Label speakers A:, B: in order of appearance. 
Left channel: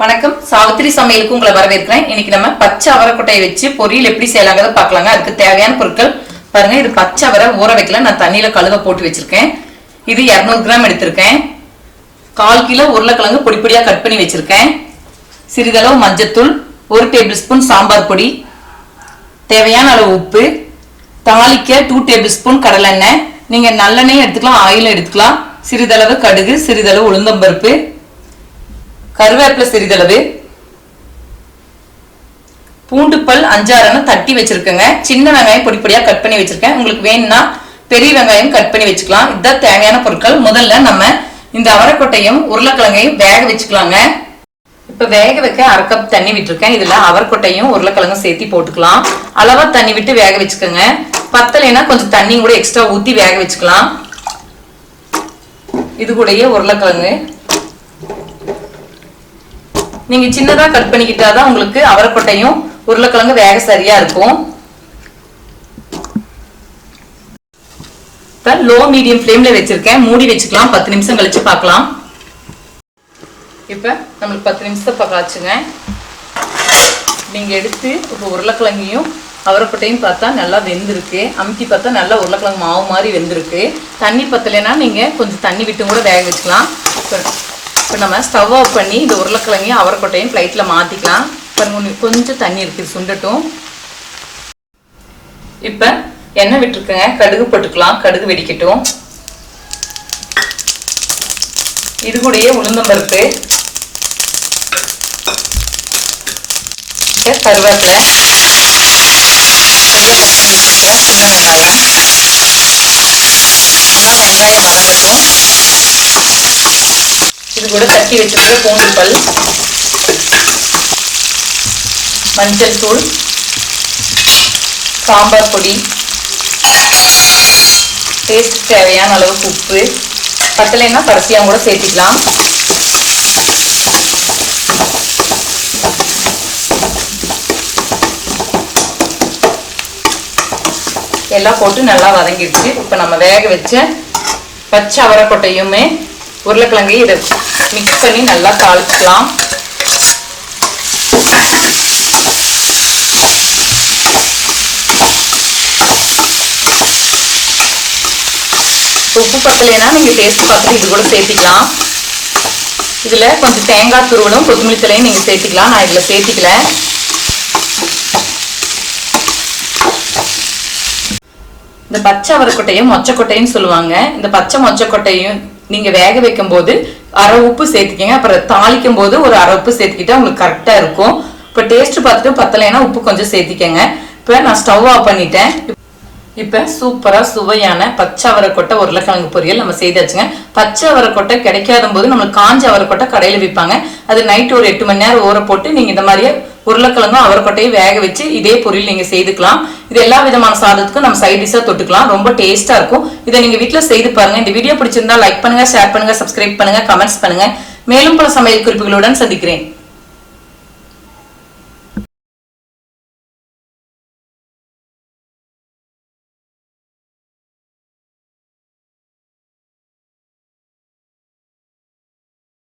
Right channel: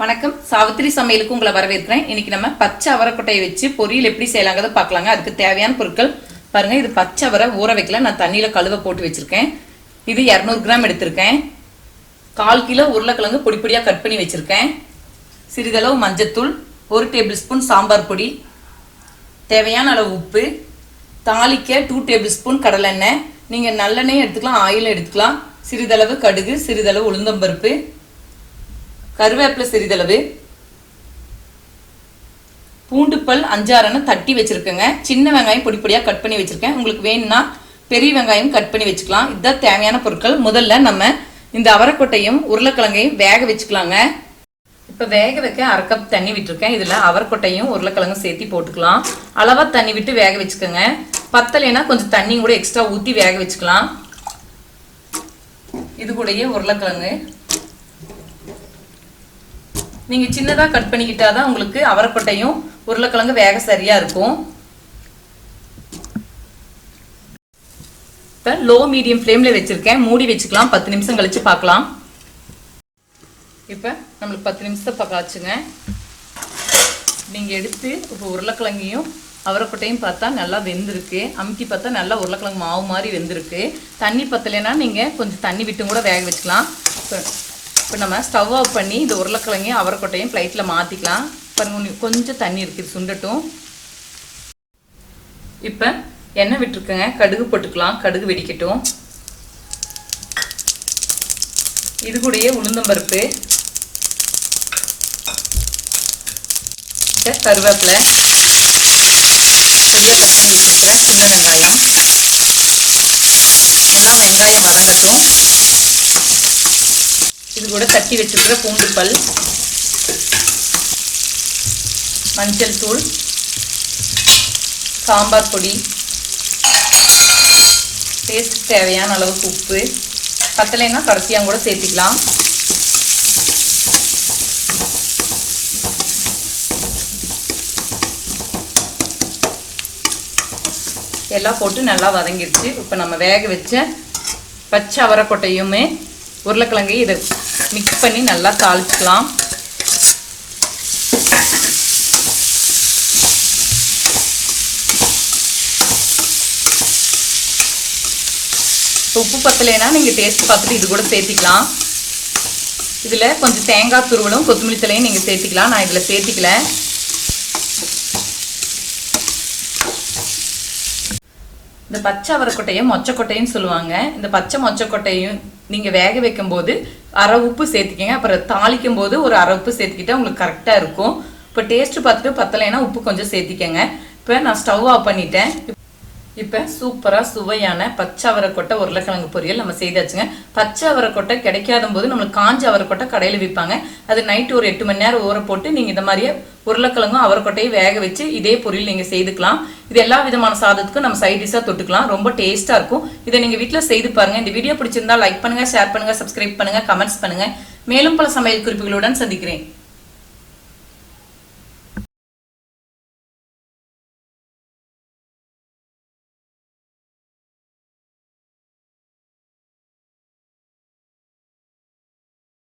A: வணக்கம். சாவித்திரி சமையலுக்கு உங்களை வரவேற்கிறேன். இன்னைக்கு நம்ம பச்சை அவரைக்கொட்டையை வச்சு பொரியல் எப்படி செய்யலாங்கிறத பார்க்கலாங்க. அதுக்கு தேவையான பொருட்கள் பாருங்க. இது பச்சை அவரை ஊற வைக்கல. நான் தண்ணியில கழுவ போட்டு வச்சிருக்கேன். இது 200 கிராம் எடுத்திருக்கேன். கால் கிலோ உருளைக்கிழங்கு பொடி பொடியா கட் பண்ணி வச்சிருக்கேன். சிறிதளவு மஞ்சத்தூள் ஒரு டேபிள் ஸ்பூன் சாம்பார் பொடி தேவையான அளவு உப்பு தாளிக்க டூ டேபிள் ஸ்பூன் கடலெண்ணெய். நீங்க நல்லெண்ணெயும் எடுத்துக்கலாம் ஆயிலும் எடுத்துக்கலாம். சிறிதளவு கடுகு சிறிதளவு உளுந்தம்பருப்பு கருவேப்பிலை சிறிதளவு. பூண்டு பல் அஞ்சாறுன்னு தட்டி வச்சிருக்கேங்க. சின்ன வெங்காயம் பொடி பொடியா கட் பண்ணி வச்சிருக்கேன். உங்களுக்கு வேணும்னா பெரிய வெங்காயம் கட் பண்ணி வச்சுக்கலாம். இதுதான் தேவையான பொருட்கள். முதல்ல நம்ம இந்த அவரைக்கொட்டையும் உருளைக்கிழங்கையும் வேக வச்சுக்கலாங்க. இப்ப வேக வைக்க அரை கப் தண்ணி விட்டுருக்கேன். இதுல அவரைக்கொட்டையும் உருளைக்கிழங்கும் சேர்த்து போட்டுக்கலாம். அளவா தண்ணி விட்டு வேக வச்சுக்கோங்க. பத்தலைன்னா கொஞ்சம் தண்ணி கூட எக்ஸ்ட்ரா ஊத்தி வேக வச்சுக்கலாம். இது கூடயே உருளைக்கிழங்கு நீங்க சின்னதா கட் பண்ணிக்கிட்டாதான் உங்களுக்கு அவரைக்கொட்டையும் உருளைக்கிழங்கு வேக சரியா இருக்கும். லோ மீடியம் ஃப்ளேம்ல வச்சிருக்கேன். மூடி வச்சுக்கலாம். பத்து நிமிஷம் கழிச்சு பார்க்கலாம். இப்ப நம்மளுக்கு பத்து நிமிஷத்தை பார்க்காச்சுங்க நீங்க எடுத்து இப்போ உருளைக்கிழங்கையும் அவரைக்கொட்டையும் பார்த்தா நல்லா வெந்திருக்கு. அமுக்கி பார்த்தா நல்லா உருளைக்கிழங்கு மாவு மாதிரி வெந்திருக்கு. தண்ணி பத்தலைன்னா நீங்க கொஞ்சம் தண்ணி விட்டு கூட வேக வச்சுக்கலாம். இப்போ நம்ம ஸ்டவ் ஆஃப் பண்ணி இந்த உருளைக்கிழங்கையும் அவரைக்கொட்டையும் ஃப்ளைட்டில் மாற்றிக்கலாம் பாருங்க கொஞ்சம் தண்ணி இருக்குது சுண்டட்டும். இப்போ எண்ணெய் விட்டுருக்குங்க. கடுகு போட்டுக்கலாம். கடுகு வெடிக்கட்டும். இது கூடயே உளுந்தம்பருப்பு இப்ப கருவேப்பிலை. சரியா கட் பண்ணி சின்ன வெங்காயம். நல்லா வெங்காயம் வதங்கட்டும். இது கூட தட்டி வச்சிருக்கிற பூண்டு பல் மஞ்சள் தூள் சாம்பார் பொடி டேஸ்ட் தேவையான அளவுக்கு உப்பு பத்தலைன்னா பரசியாக கூட சேர்த்திக்கலாம். எல்லாம் போட்டு நல்லா வதங்கிடுச்சு. இப்போ நம்ம வேக வச்ச பச்சை அவரைக்கொட்டையுமே உருளைக்கிழங்கையும் இதை மிக்ஸ் பண்ணி நல்லா தாளிச்சுக்கலாம். உப்பு பத்தலைன்னா நீங்கள் டேஸ்ட் பார்த்துட்டு இது கூட சேர்த்திக்கலாம். இதில் கொஞ்சம் தேங்காய் துருவலும் கொத்தமல்லி தலையும் நீங்கள் சேர்த்திக்கலாம். நான் இதில் சேர்த்திக்கல. இந்த பச்சை அவரைக்கொட்டையும் மொச்சக்கொட்டையும் சொல்லுவாங்க. இந்த பச்சை மொச்சக்கொட்டையும் நீங்க வேக வைக்கும் போது அரை உப்பு சேர்த்துக்கிங்க. அப்புறம் தாளிக்கும் போது ஒரு அரை உப்பு சேர்த்துக்கிட்டா உங்களுக்கு கரெக்டா இருக்கும். இப்போ டேஸ்ட் பார்த்துட்டு பத்தலைன்னா உப்பு கொஞ்சம் சேர்த்திக்கங்க. இப்போ நான் ஸ்டவ் ஆஃப் பண்ணிட்டேன். இப்போ சூப்பராக சுவையான பச்சை அவரைக்கொட்டை உருளைக்கிழங்கு பொரியல் நம்ம செய்தாச்சுங்க. பச்சை அவரைக்கொட்டை கிடைக்காத போது நம்மளுக்கு காஞ்ச அவரைக்கொட்டை கடையில் விற்பாங்க. அது நைட்டு ஒரு எட்டு மணி நேரம் ஊற போட்டு நீங்கள் இந்த மாதிரியே உருளைக்கிழங்கும் அவரைக்கொட்டையும் வேக வச்சு இதே பொரியல் நீங்க செய்துக்கலாம். இது எல்லா விதமான சாதத்துக்கும் நம்ம சைட் டிஷ்ஷாக தொட்டுக்கலாம். ரொம்ப டேஸ்டா இருக்கும். இதை நீங்க வீட்டில் செய்து பாருங்க. இந்த வீடியோ பிடிச்சிருந்தா லைக் பண்ணுங்க ஷேர் பண்ணுங்க சப்ஸ்கிரைப் பண்ணுங்க கமெண்ட்ஸ் பண்ணுங்க. மேலும் பல சமையல் குறிப்புகளுடன் சந்திக்கிறேன்.